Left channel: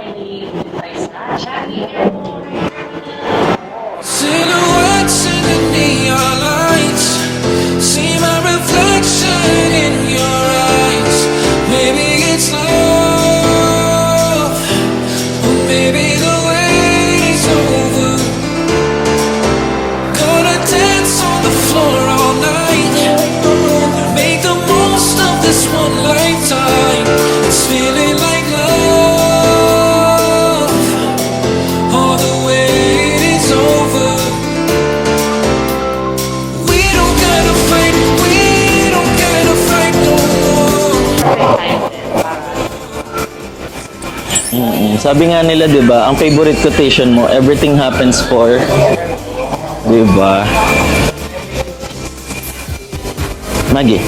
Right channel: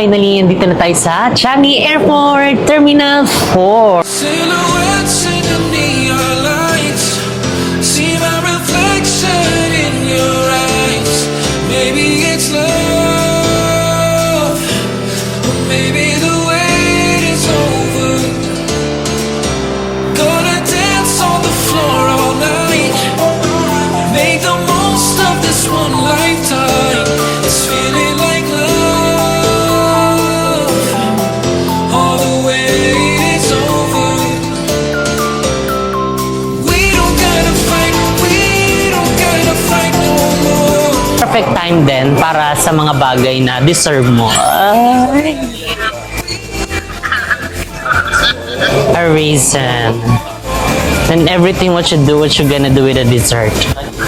finally, dito na tayo sa Changi Airport, Terminal 4. Silhouettes in the neon lights, see my reflection in your eyes. Maybe it's love, or maybe the wait is over. Gonna dance on the floor all night, make the most of this one lifetime. It's feeling like love, all the wait is over. We don't gotta fight no more. Perfect time din para sa mga bagay na deserve mo. Sabi nga nila, di ba, ang favorite quotation mo, everything happens for, A reason. di ba? And everything what you do, what you gonna do with a dessert. Magi.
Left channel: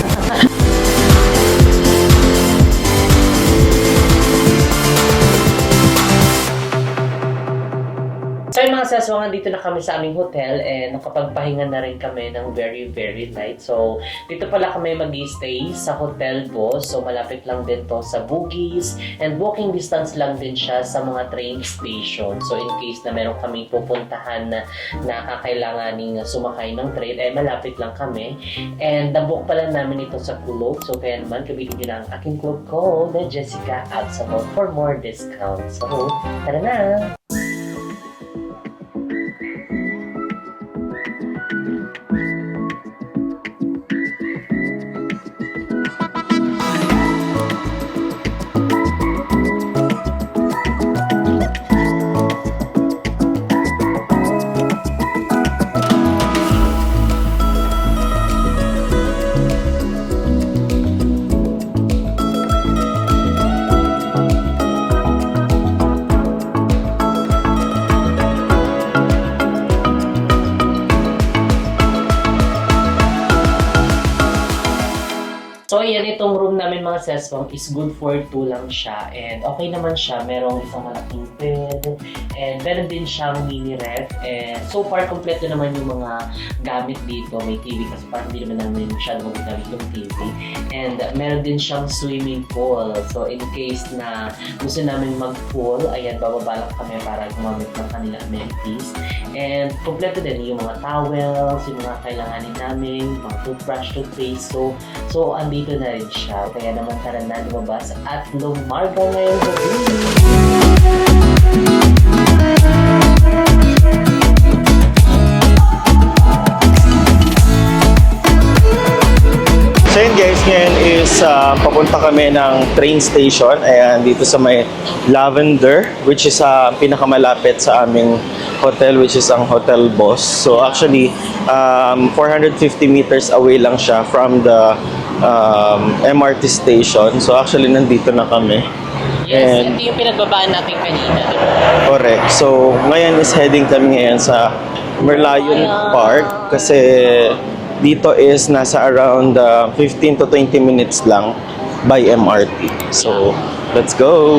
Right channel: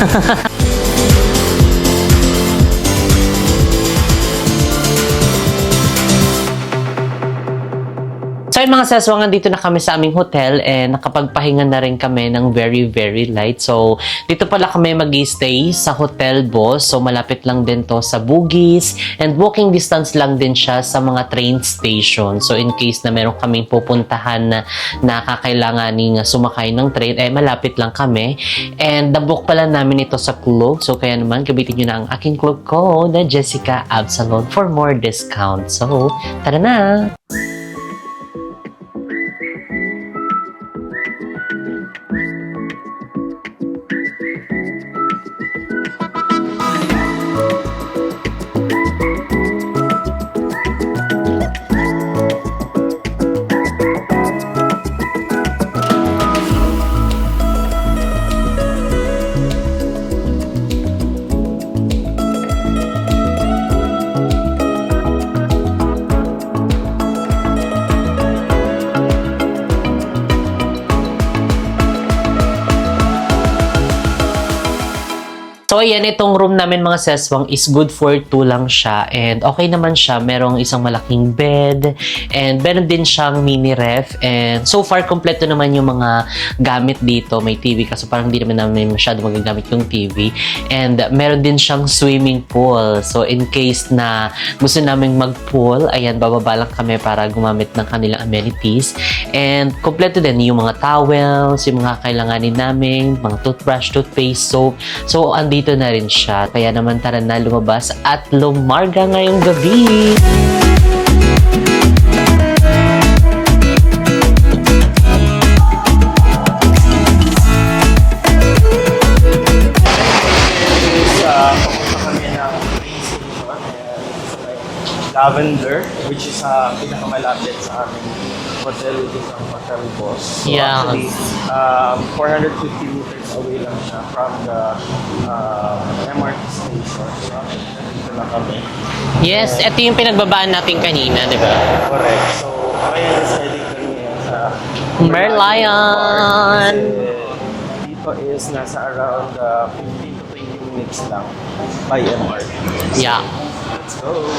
So yun mga saswangan, dito na kami sa aming hotel and nakapagpahinga na rin kami ng very, very light. So dito pala kami mag-stay sa Hotel Boss. So malapit lang din to sa Bugis and walking distance lang din siya sa mga train station. So in case na meron kaming pupuntahan na kakailanganing sumakay ng train, eh malapit lang kami. And nabook pala namin ito sa Klook. So kaya naman, gabitin nyo na ang aking Klook code na Jessica Absalon for more discount. So tara na! So, ayan, itong room namin mga seswang is good for 2 lang siya. And okay naman siya. Merong isang malaking bed. And meron din siyang mini ref. And so far, kompleto naman yung mga gamit dito. May TV kasi parang hindi naman namin masyado magagamit yung TV. And meron din siyang swimming pool. So, in case na gusto namin mag-pool, ayan, bababa lang kami para gumamit ng kanilang amenities. And kompleto din yung mga towels, yung mga kailanganin namin, mga toothbrush, toothpaste, soap. So, andito na rin siya. Kaya naman tara na lumabas at lumarga ngayong gabi. So yun guys, ngayon is papunta kami ng train station. Ayan, dito sa may Lavender, which is pinakamalapit sa aming hotel, which is ang Hotel Boss. So Yeah. actually, 450 meters away lang siya from the MRT station. So actually, nandito na kami. Yes, And- ito yung pinagbabaan natin kanina, di ba? Correct. So ngayon is heading kami ngayon sa Merlion Merlion. Park. Kasi dito is nasa around 15 to 20 minutes lang by MRT. So, Yeah. let's go!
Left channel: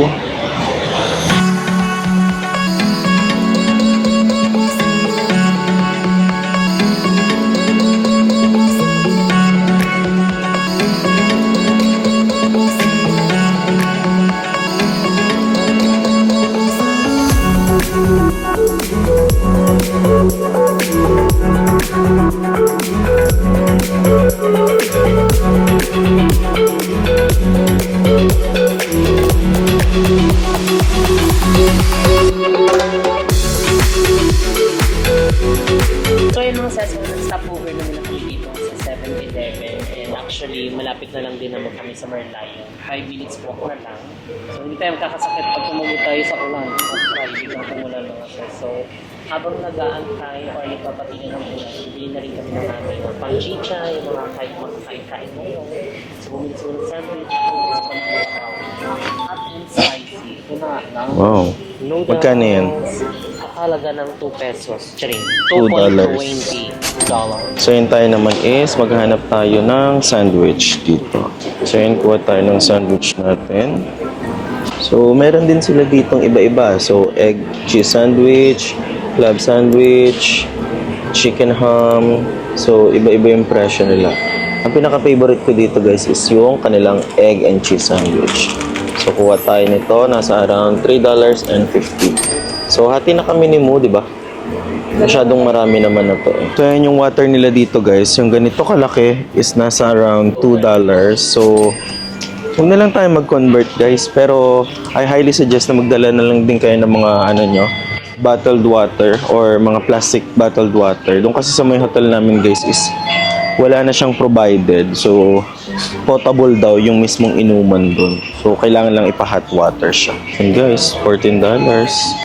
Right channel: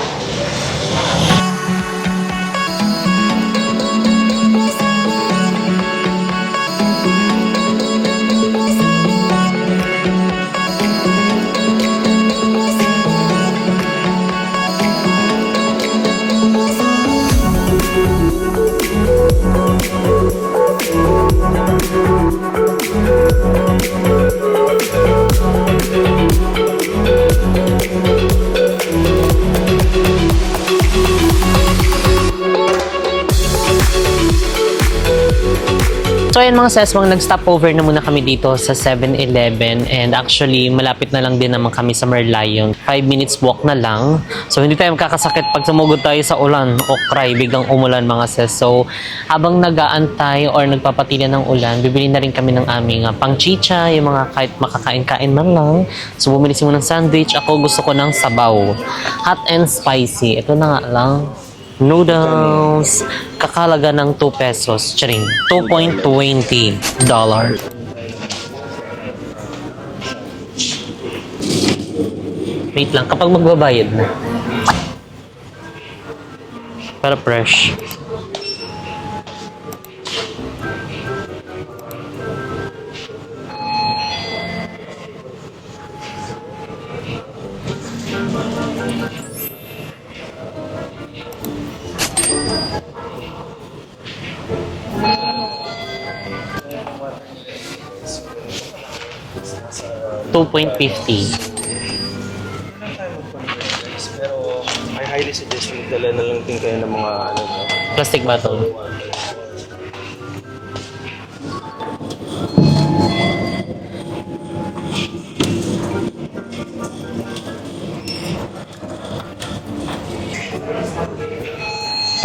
So ayan mga seswang, nag-stopover na muna kami dito sa 7-Eleven and actually malapit na lang din naman kami sa Merlion. 5 minutes walk na lang. So hindi tayo makakasakit pag sumugod tayo sa ulan o cry, biglang umulan mga ses. So habang nag-aantay or nagpapatila ng ulan, bibili na rin kami ng aming pang-chicha, yung mga kahit makakain-kain man lang. So bumili si mo ng sandwich. Ako gusto ko ng sabaw. Hot and spicy. Ito na nga lang. Wow. Magkano Noodles. Kakalaga ng 2 pesos. Charing. $2.20. So yun tayo naman is maghahanap tayo ng sandwich dito. So yun, kuha tayo ng sandwich. Wait lang, kapag natin. magbabayad na. So meron din sila ditong iba-iba. So Pero egg fresh. cheese sandwich, club sandwich, chicken ham. So iba-iba yung presyo nila. Ang pinaka-favorite ko dito guys is yung kanilang egg and cheese sandwich. So, kuha tayo nito. Nasa around $3.50. So, hati na kami ni Mo, di ba? Masyadong marami naman na to. So, yan yung water nila dito, guys. Yung ganito kalaki is nasa around $2. So, huwag na lang tayo mag-convert, guys. Pero, I highly suggest na magdala na lang din kayo ng mga, Plastic bottled water or mga plastic bottled water. Doon kasi sa may hotel namin, guys, is wala na siyang provided. So, potable daw yung mismong inuman doon. So, kailangan lang ipa-hot water siya. And guys, $14.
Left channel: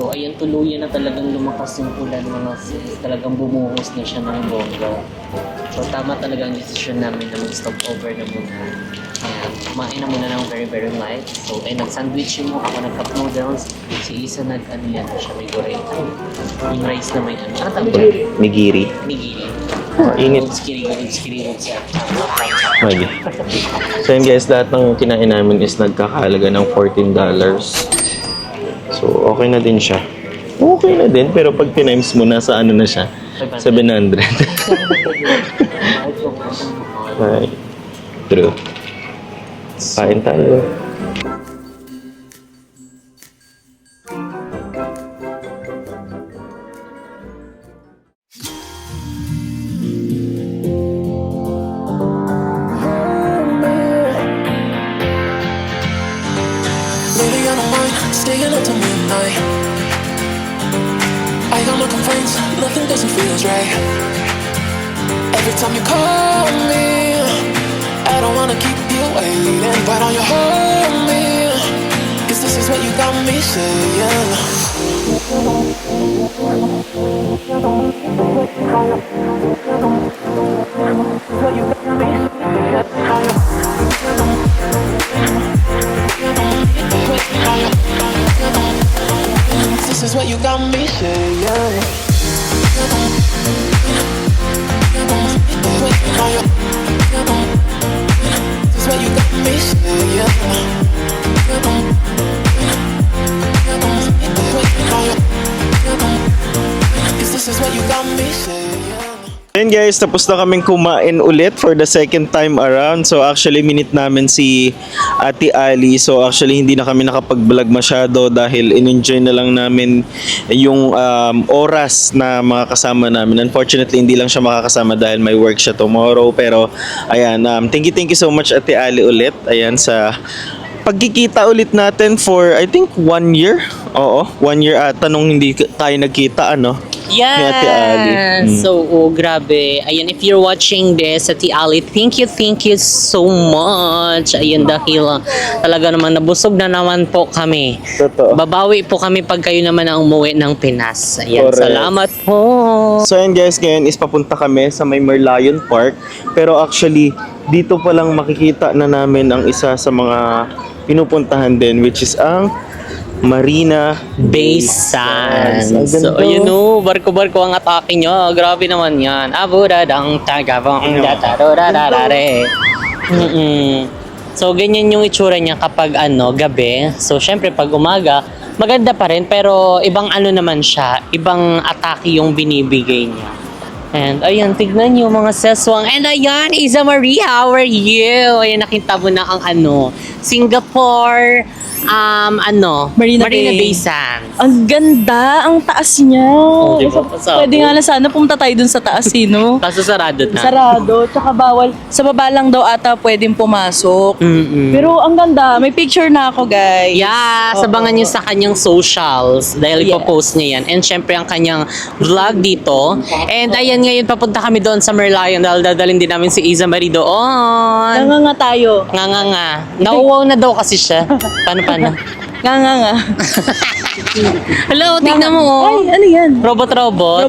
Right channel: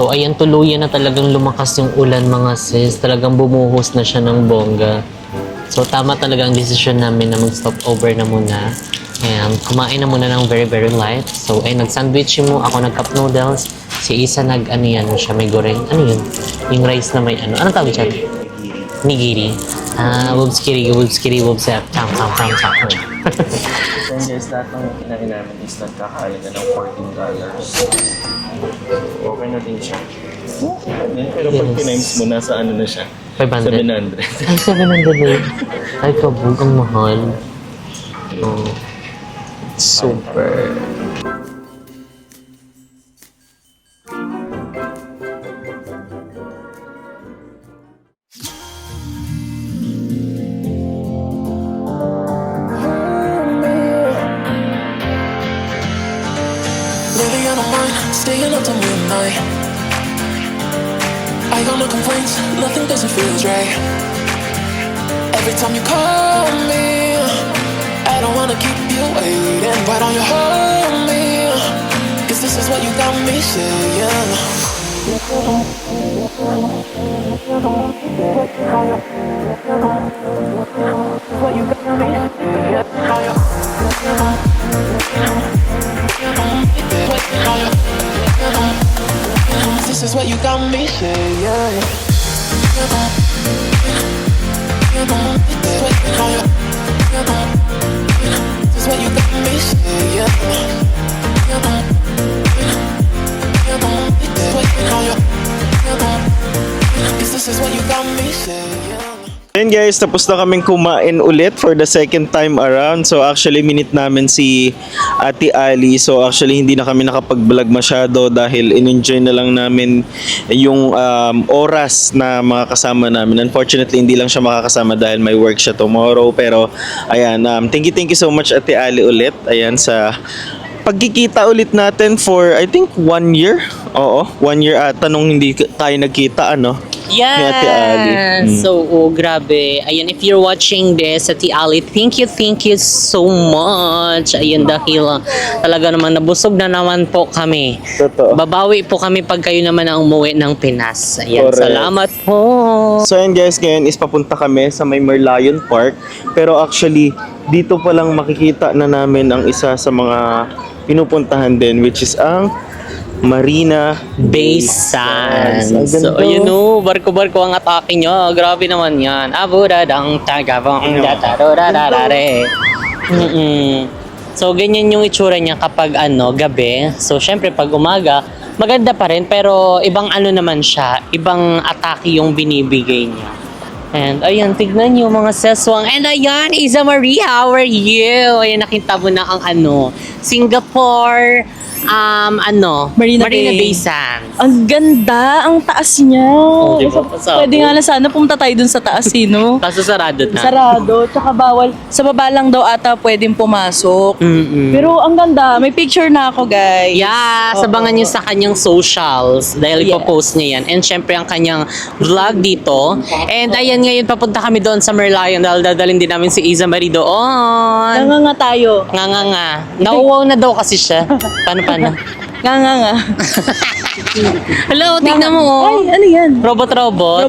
So ayan, tuluyan na talagang lumakas yung ulan mga sis. Talagang bumuhos na siya ng bongga. So tama talaga ang desisyon namin na mag-stop over na muna. Ayan, kumain na muna ng very very light. So ay nag-sandwich mo, ako nag-cup noodles. Si Isa may goreng. Ano yun? Yung rice na may ano. Anong tawag dyan? Nigiri. Nigiri. Wubskiri, wubsap. So yun guys, lahat ng kinain namin is nagkakahalaga ng $14. So, okay na din siya. Okay na din, pero pag times mo, nasa ano na siya? 500. 700. Ay, kabog ang mahal. Right. True. Kain tayo. Lately I don't mind staying up till midnight. I got no complaints, nothing doesn't feel right. Every time you call me, I don't wanna keep you waiting. Why don't you hold me? 'Cause this is what you got me saying. This is what you got me saying. This is what you got me saying. Cause this is what you got me saying. Ayun guys, tapos na kaming kumain ulit for the second time around. So actually, minute namin si Ate Ali. So actually, hindi na kami nakapag-vlog masyado dahil in-enjoy na lang namin yung oras na mga kasama namin. Unfortunately, hindi lang siya makakasama dahil may work siya tomorrow. Pero ayan, thank you so much Ate Ali ulit. Ayan, sa pagkikita ulit natin for I think 1 year. Oo, 1 year ata nung hindi tayo nagkita, ano? Ni Ate Ali. Yes! So, grabe. Ayun, if you're watching this, Ate Ali, thank you so much. Ayun, dahil talaga naman nabusog na naman po kami. Totoo. Babawi po kami pag kayo naman ang umuwi ng Pinas. Ayan, Correct. salamat po. So yun guys, ngayon is papunta kami sa may Merlion Park. Pero actually, dito pa lang makikita na namin ang isa sa mga pinupuntahan din, which is ang Marina Bay Sands. Ang ganda. So, ayun o, barko-barko ang atake nyo. Grabe naman yan. Aburadang tagabang datarorarare. So, ganyan yung itsura niya kapag gabi. So, syempre, pag umaga, maganda pa rin. Pero, ibang naman siya. Ibang atake yung binibigay niya. And, ayan, tignan nyo mga seswang. And, ayan, Isa Marie, how are you? Ayan, nakita mo na ang Singapore, Marina Bay Sands. Ang ganda, ang taas niya. Diba? Pasabog. Pwede nga na sana pumunta tayo dun sa taas, no? Kaso sarado na. Sarado, tsaka bawal. Sa baba lang daw ata pwedeng pumasok. Pero ang ganda, may picture na ako, guys. Yeah, sabangan niyo sa kanyang socials dahil Yeah. ipopost niya yan. And syempre ang kanyang vlog dito. And ayan, ngayon papunta kami doon sa Merlion dahil dadalhin din namin si Isa Marie doon. Nga tayo. Nga. Nauwaw na daw kasi siya. Paano? Nga. Hello, tingnan mo. Oh. Ay, ano yan? Robot. Robot.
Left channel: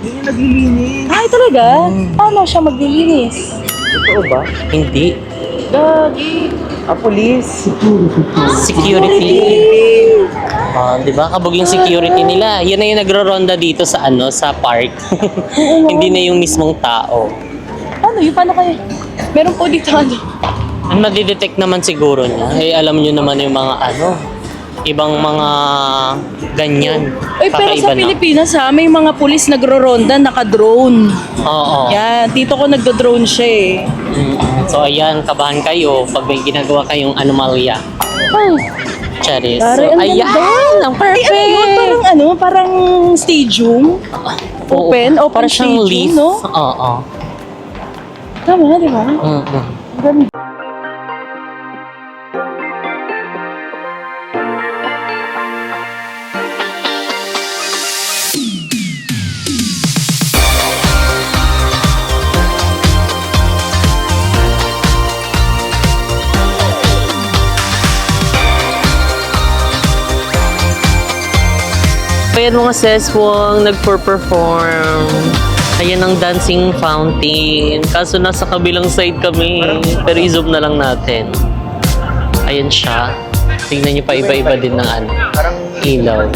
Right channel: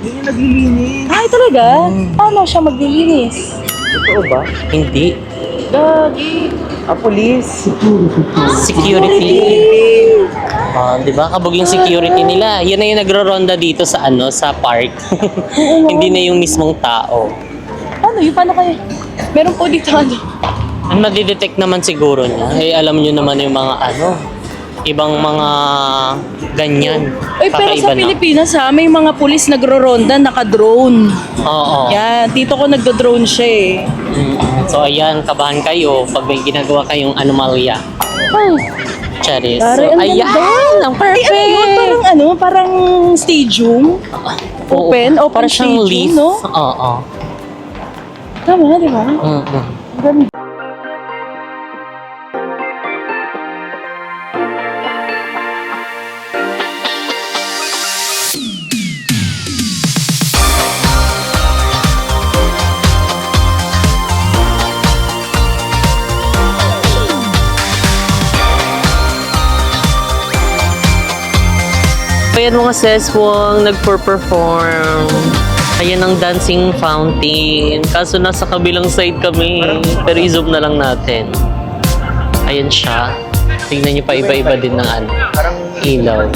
Hindi niya naglilinis. Ay, talaga? Paano siya maglilinis? Totoo ba? Hindi. Gagi. Police. Security. Di ba? Kabog yung security nila. Yun na yung nagro-ronda dito sa sa park. Hindi na yung mismong tao. Ano, yung paano kayo? Meron po dito Ang nadidetect naman siguro niya, alam niyo naman yung mga ibang mga ganyan. Ay, pero Kakaiba sa na. Pilipinas may mga pulis nagro-ronda, naka-drone. Oo. Yan, tito ko nagdo-drone siya eh. So ayan, kabahan kayo pag may ginagawa kayong anomalya. Charis. Pare, ang ayan, ganda. ang perfect. Ay, ano yun? Parang stadium. Oo, Open para siyang stadium, leaf. no? Oo. Tama, di ba? Mm-mm. Ang ganda. Ayan mga seswang nagpo-perform. Ayan ang dancing fountain. Kaso nasa kabilang side kami. Pero i-zoom na lang natin. Ayan siya. Tingnan niyo pa iba-iba din ng ano, ilaw.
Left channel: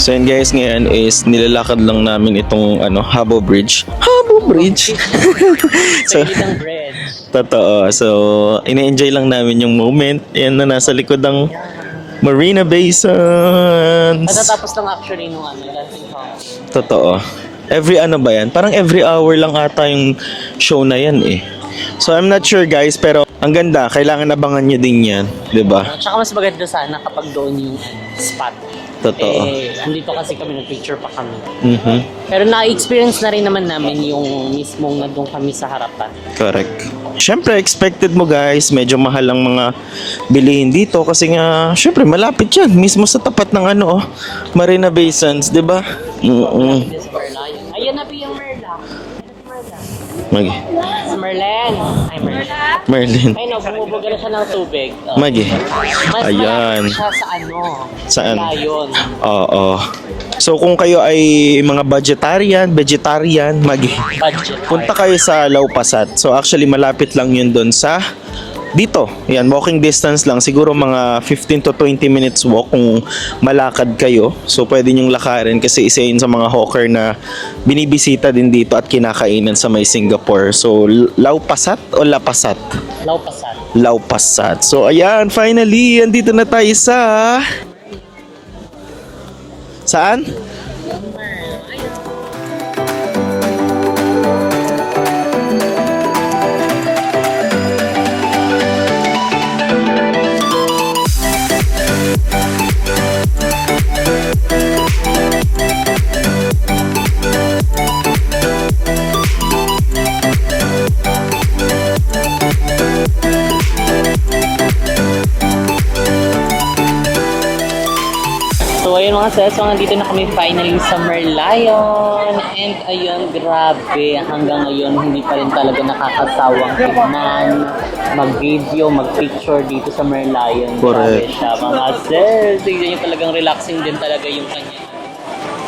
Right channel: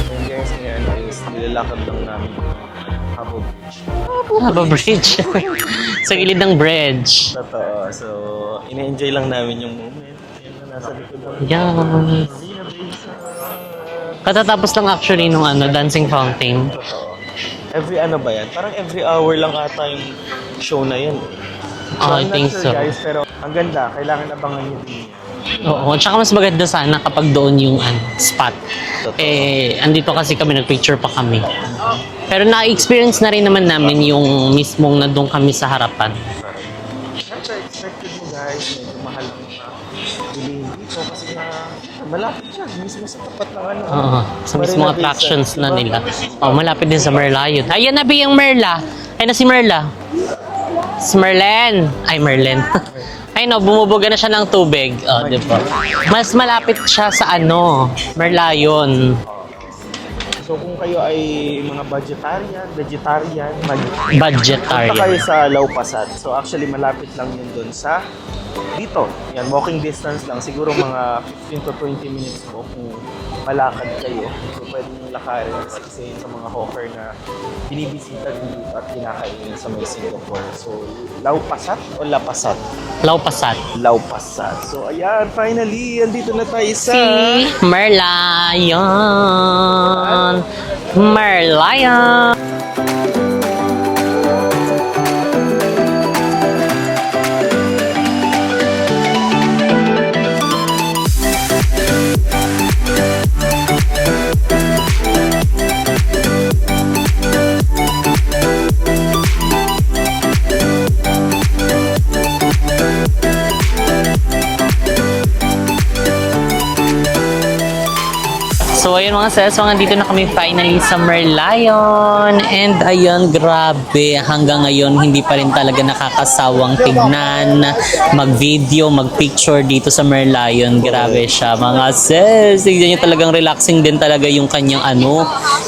So yun guys, ngayon is nilalakad lang namin itong Habo Bridge. Habo Bridge! Sa gilid ng bridge. Totoo. So, ine-enjoy lang namin yung moment. Yan na nasa likod ng Yan. Marina Bay Sands. Matatapos lang actually nung dancing fountain. Totoo. Every ba yan? Parang every hour lang ata yung show na yan eh. So, I I'm not think sure so. guys, pero ang ganda. Kailangan abangan nyo din yan. Diba? Oo, tsaka mas maganda sana kapag doon yung spot. Totoo. Andito kasi kami, nag-picture pa kami. Mhm. Pero na-experience na rin naman namin yung mismong nandun kami sa harapan. Correct. Siyempre, expected mo guys, medyo mahal ang mga bilihin dito kasi nga, siyempre, malapit yan. Mismo sa tapat ng Sa Marina mismong Bay attractions Sands, di ba? na nila. Malapit din sa Merla yun. Ayun na yung Merla. Ayun na si Merla. Si Merlin. Ay, Merlin. Merlin. Ay no, bumubuga na siya ng tubig. Magi. Diba? Mas Ayan. malapit siya sa Saan? Merlion. Oo. So, kung kayo ay mga vegetarian, Budget punta area. kayo sa Laupasat. So, actually, malapit lang yun doon sa dito. Yan, walking distance lang. Siguro mga 15 to 20 minutes walk kung malakad kayo. So, pwede nyong lakarin kasi isa yun sa mga hawker na binibisita din dito at kinakainan sa may Singapore. So, Laupasat o Lapasat? Laupasat. Laupasat. So, ayan, finally, andito na tayo sa... Merlion. Saan? Merlion. So ayun mga sis, so nandito na kami finally sa Merlion. And ayun, grabe, hanggang ngayon hindi pa rin talaga nakakasawang tignan, mag-video, mag-picture dito sa Merlion. Grabe siya mga sis. Tignan nyo, talagang relaxing din talaga yung kanyang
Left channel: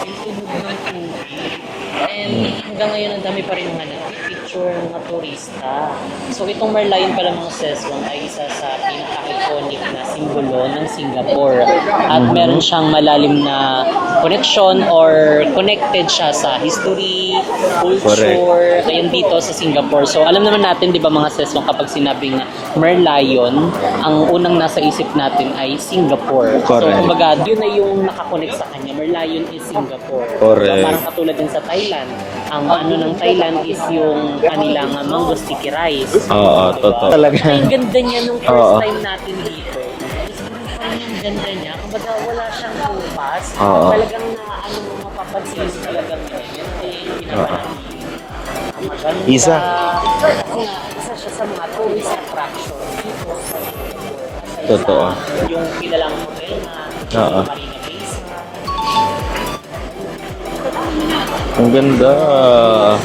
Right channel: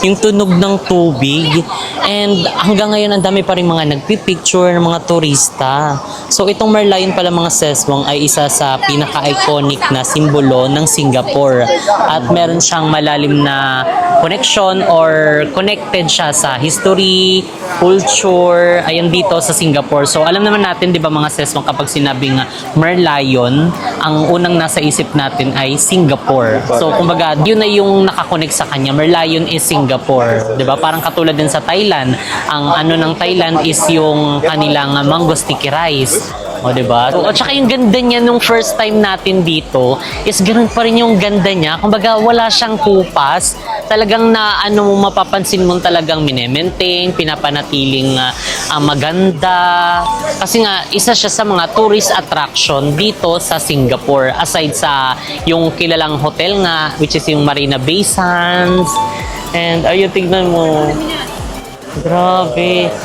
yung tunog ng tubig. And hanggang ngayon ang dami pa rin mga nagpipicture ng mga turista. So itong Merlion pala mga seswang ay isa sa pinaka-iconic na simbolo ng Singapore. At meron siyang malalim na connection or connected siya sa history, culture, ayun dito sa Singapore. So alam naman natin 'di ba mga seswang kapag sinabing Merlion, ang unang nasa isip natin ay Singapore. So Correct. kumbaga yun na yung nakakonect sa kanya. Merlion is Singapore. 'Di ba? Correct. Parang katulad din sa Thailand. Ang ng Thailand is yung kanilang mango sticky rice. Oo, O, 'di ba? totoo. At saka yung ganda niya nung first time natin dito is ganun pa rin yung ganda niya. Kumbaga wala siyang kupas. Oo. Talagang na mapapansin mong talagang mine-maintain, pinapanatiling maganda. Isa. Kasi nga isa siya sa mga tourist attraction dito sa Singapore aside sa yung kilalang hotel nga which is yung Marina Bay Sands. And ayun, tignan mo. Ang ganda. Grabe.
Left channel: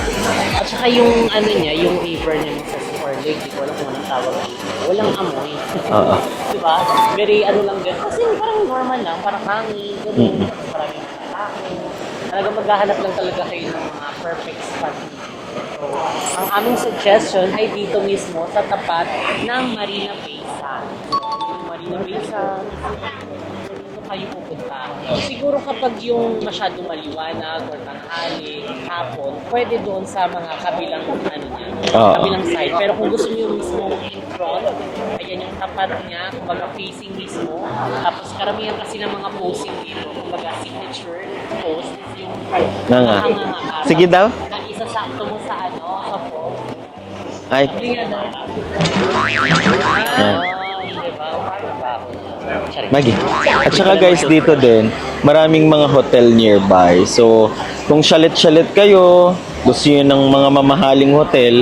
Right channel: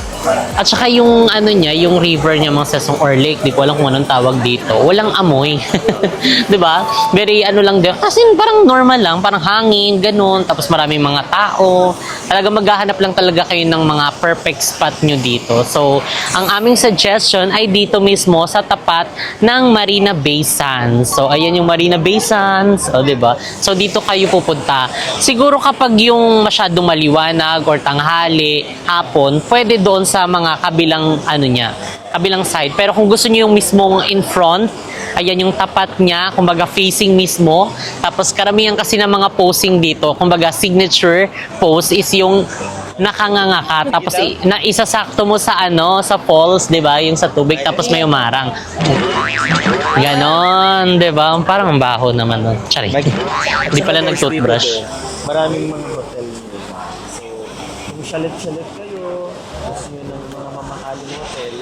At saka yung niya, yung river niya mga sesong or lake, di ko alam kung anong tawag dito. Walang amoy. 'Di ba? Very lang din. Kasi parang normal lang, parang hangin, ganun. Tapos maraming mga tao. Talaga maghahanap lang talaga kayo ng mga perfect spot nyo dito. So, ang aming suggestion ay dito mismo sa tapat ng Marina Bay Sands. So, ayan yung Marina Bay Sands, o 'di ba? So, dito kayo pupunta. Siguro kapag yung masyadong maliwanag or tanghali, hapon, pwede doon sa sa mga kabilang ano niya, Oo. kabilang side. Pero kung gusto niyo yung mismong in front, ayan yung tapat niya, kumbaga facing mismo. Tapos karamihan kasi ng mga posing dito, kumbaga signature pose is yung nakanganga ka. Sige Tapos daw. isasakto mo sa ano, sa falls, 'di ba? Yung sa tubig, Ay. tapos may umarang. Ganon, 'di ba? Parang ang baho naman. Charing. At Hindi saka pala guys, dito nag-toothbrush. din, maraming mga hotel nearby. So, kung shalit-shalit kayo, gusto nyo ng mga mamahaling hotel,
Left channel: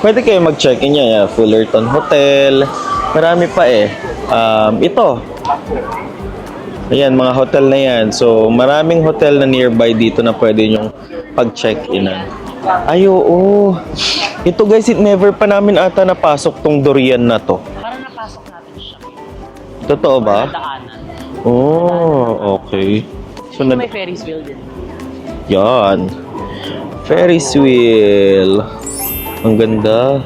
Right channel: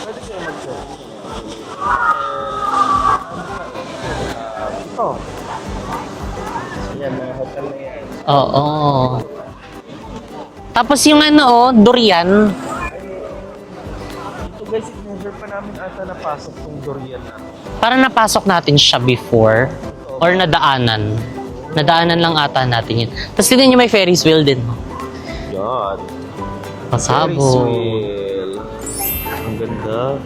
pwede kayo mag-check-in niya. Fullerton Hotel, marami pa eh. Ito. Ayan, mga hotel na yan. So, Oo. maraming hotel na nearby dito na pwede nyo Tapos yung ano, pag-check-in. durian. Ay, oo. Ito guys, never pa namin ata napasok tong durian na to. Parang napasok natin siya before. Totoo ba? Or nadaanan. Oh, Nadaanan lang ata okay. natin yun. Tapos tignan niyo may Ferris wheel din. Yan. Pasabog. Ferris wheel. Ang ganda.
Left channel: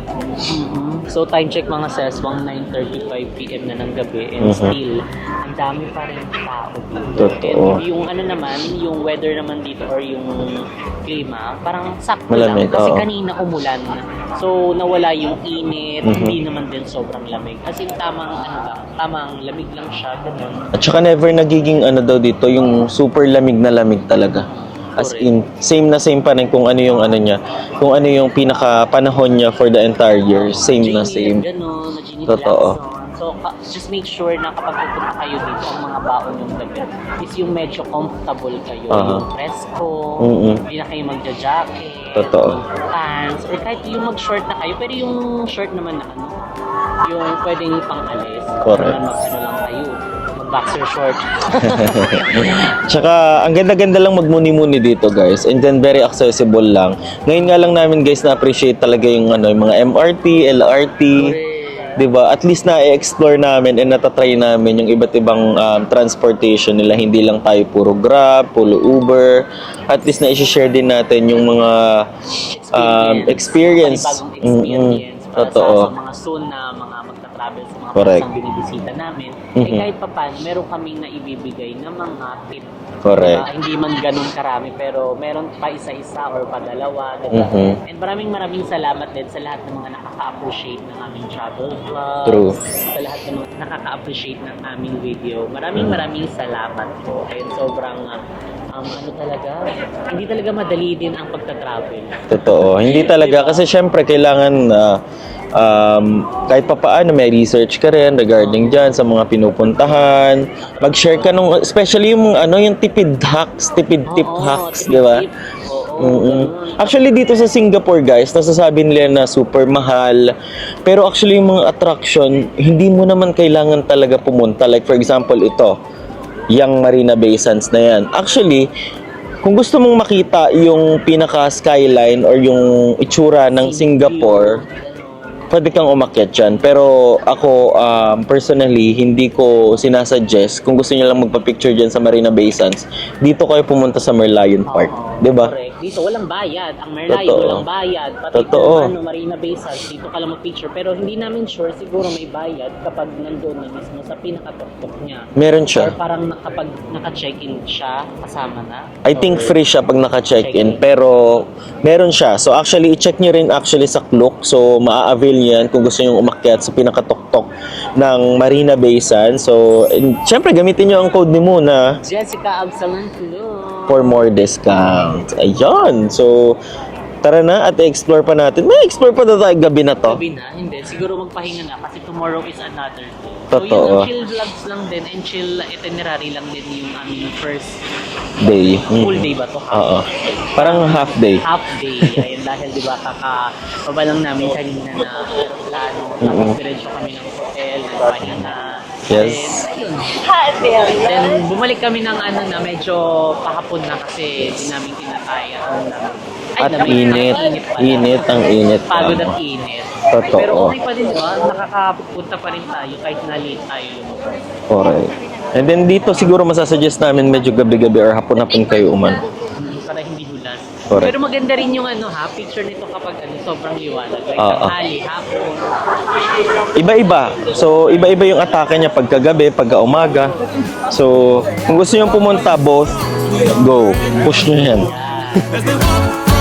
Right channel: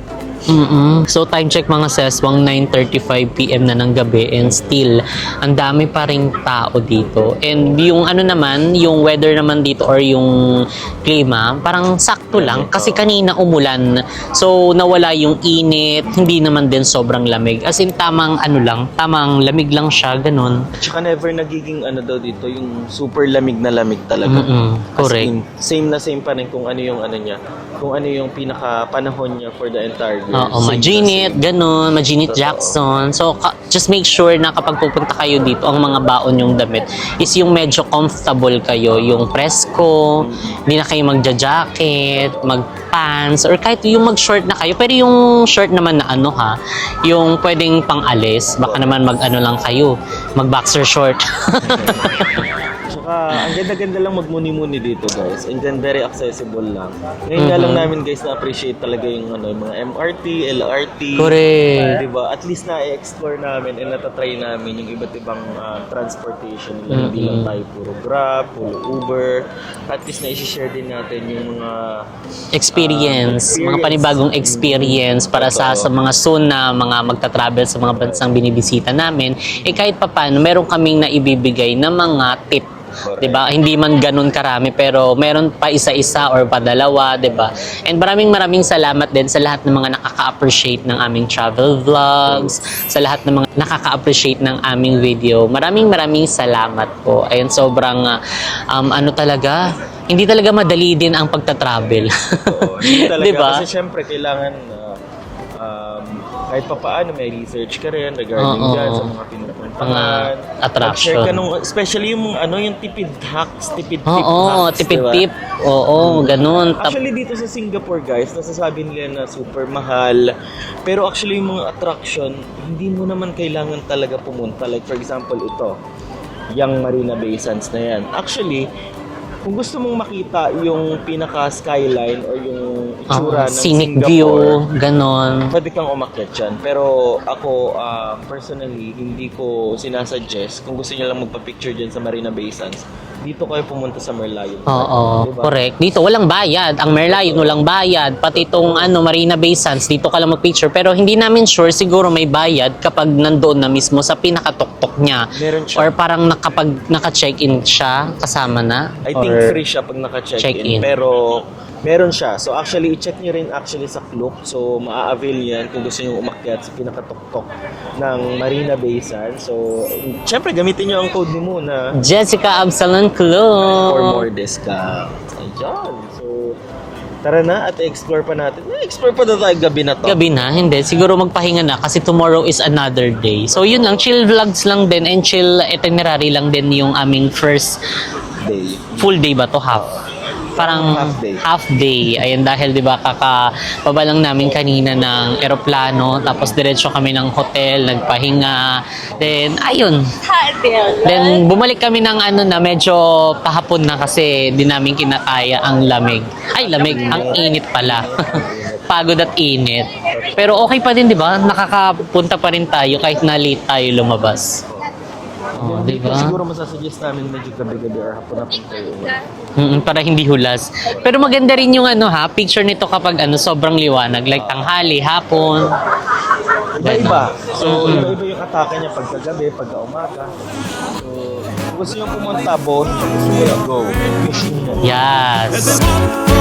So time check mga seswang 9:35 PM na ng gabi and still ang dami pa ring tao dito. And yung ano naman, yung weather naman dito or yung klima, parang sakto lang Malamig, kasi oo. kanina umulan. So nawala yung init, hindi naman din sobrang lamig. As in tamang ano lang, tamang lamig lang siya, ganun. At saka never nagiging ano daw dito, yung super lamig na lamig talaga. As Correct. in, same na same pa rin kung ano yung ano niya. Kung ano yung pinaka panahon niya for the entire year. Oo, Same na Majinit, same. ganun, Majinit Totoo. Jackson. So, just make sure na kapag pupunta kayo dito, ang mga baon yung damit is yung medyo comfortable kayo, yung presko, hindi na kayo magja-jacket, Totoo. mag-pants, or kahit yung mag-short na kayo. Pero yung short naman na ano ha, yung pwedeng pang-alis, baka Correct. naman mag-ano lang kayo, mag-boxer short. Tsaka, ang ganda-ganda lang magmuni-muni dito, guys. And then, very accessible lang. Ngayon nga lang namin, guys, na-appreciate talaga yung, ano, yung mga MRT, LRT. Correct. Diba? At least na-explore namin and natatry namin yung iba't ibang transportation nila. Hindi lang tayo puro Grab, puro Uber. At least na-share din natin yung mga Experience. experience. Mga panibagong experience para sa Totoo. mga soon na mga magta-travel sa mga Correct. bansang binibisita namin. Eh kahit papaano, meron kaming naibibigay na mga tip. Correct. Diba? Hindi man ganun karami pero meron pa isa-isa or padalawa, diba? And maraming salamat din sa lahat ng mga nakaka-appreciate ng aming travel vlogs, sa lahat ng mga nakaka-appreciate ng aming video. Maraming salamat po. Ayun, sobrang ano talaga, hindi talaga madali din ang pagta-travel. Totoo. Hindi talaga. Diba? Kasi syempre, kailangan kahit pa paano may research ka rin regarding dyan sa mga pinupuntahan. Attraction. Mag-share ka nung, especially yung ano, yung tipid hacks, tipid tip Oo, hacks, tipid-tip. diba? Oo, ganun. Actually, dito sa Singapore, guys, nasasabi nila na super mahal. Pero actually, yung mga attraction, hindi mo naman kailangan talaga pumunta. Like, for example, ito, yung Marina Bay Sands na yan. Actually, kung gusto mong makita yung pinaka-skyline or yung itsura ng Scenic Singapore, view, ganon. pwede kang umakyat dyan. Pero ako, personally, hindi ko sinasuggest kung gusto niyo lang magpa-picture dyan sa Marina Bay Sands, dito kayo pumunta sa Merlion Park. Oo, Diba? correct. Dito walang bayad. Ang Merlion Totoo. walang bayad. Pati Totoo. itong Marina Bay Sands, dito ka lang mag-picture. Pero hindi namin sure, siguro may bayad kapag nandoon na mismo sa pinakatuktok niya. Meron siya. Or parang kapag naka-check-in siya, kasama na. I think Or- free siya pag naka-check-in, Check-in. pero meron siya. So actually, i-check nyo rin actually sa Klook. So maa-avail yan kung gusto nyo umakyat sa pinakatuktok ng Marina Bay Sands. So, syempre, gamitin nyo ang code ni Muna Jessica Absalon Club. for more discounts. Ayun. So, tara na at i-explore pa natin. May explore pa na tayo gabi na to. Gabi na, hindi. Siguro magpahinga na kasi tomorrow is another day. So Totoo. yun, ang chill vlogs lang din and chill itinerary lang din yung aming first Day. full day ba to? Half? Oo. Parang half day. Half day. Ayun, dahil di ba kakapaba lang namin kanina ng eroplano, tapos diretso kami ng hotel, nagpahinga. Yes. Then, ayun. Then, bumalik kami ng ano na medyo pahapon na kasi di namin kinakaya ang lamig. Ay, At lamig. init. Ang init pala. Init, ang init. Pagod at init. Totoo. Pero okay pa din, di ba? Nakakapunta pa rin tayo kahit na late tayo lumabas. Correct. And then dito siguro masasuggest namin medyo gabi-gabi or hapon-hapon kayo Para hindi hulas. Correct. Pero maganda rin yung picture nito kapag sobrang liwanag. Like Oo. tanghali, hapon. Iba-iba. So, iba-iba yung atake niya pagkagabi, pagka-umaga. So, kung gusto niyo pumunta, both, go. Push nyo yan. Yes. As they walk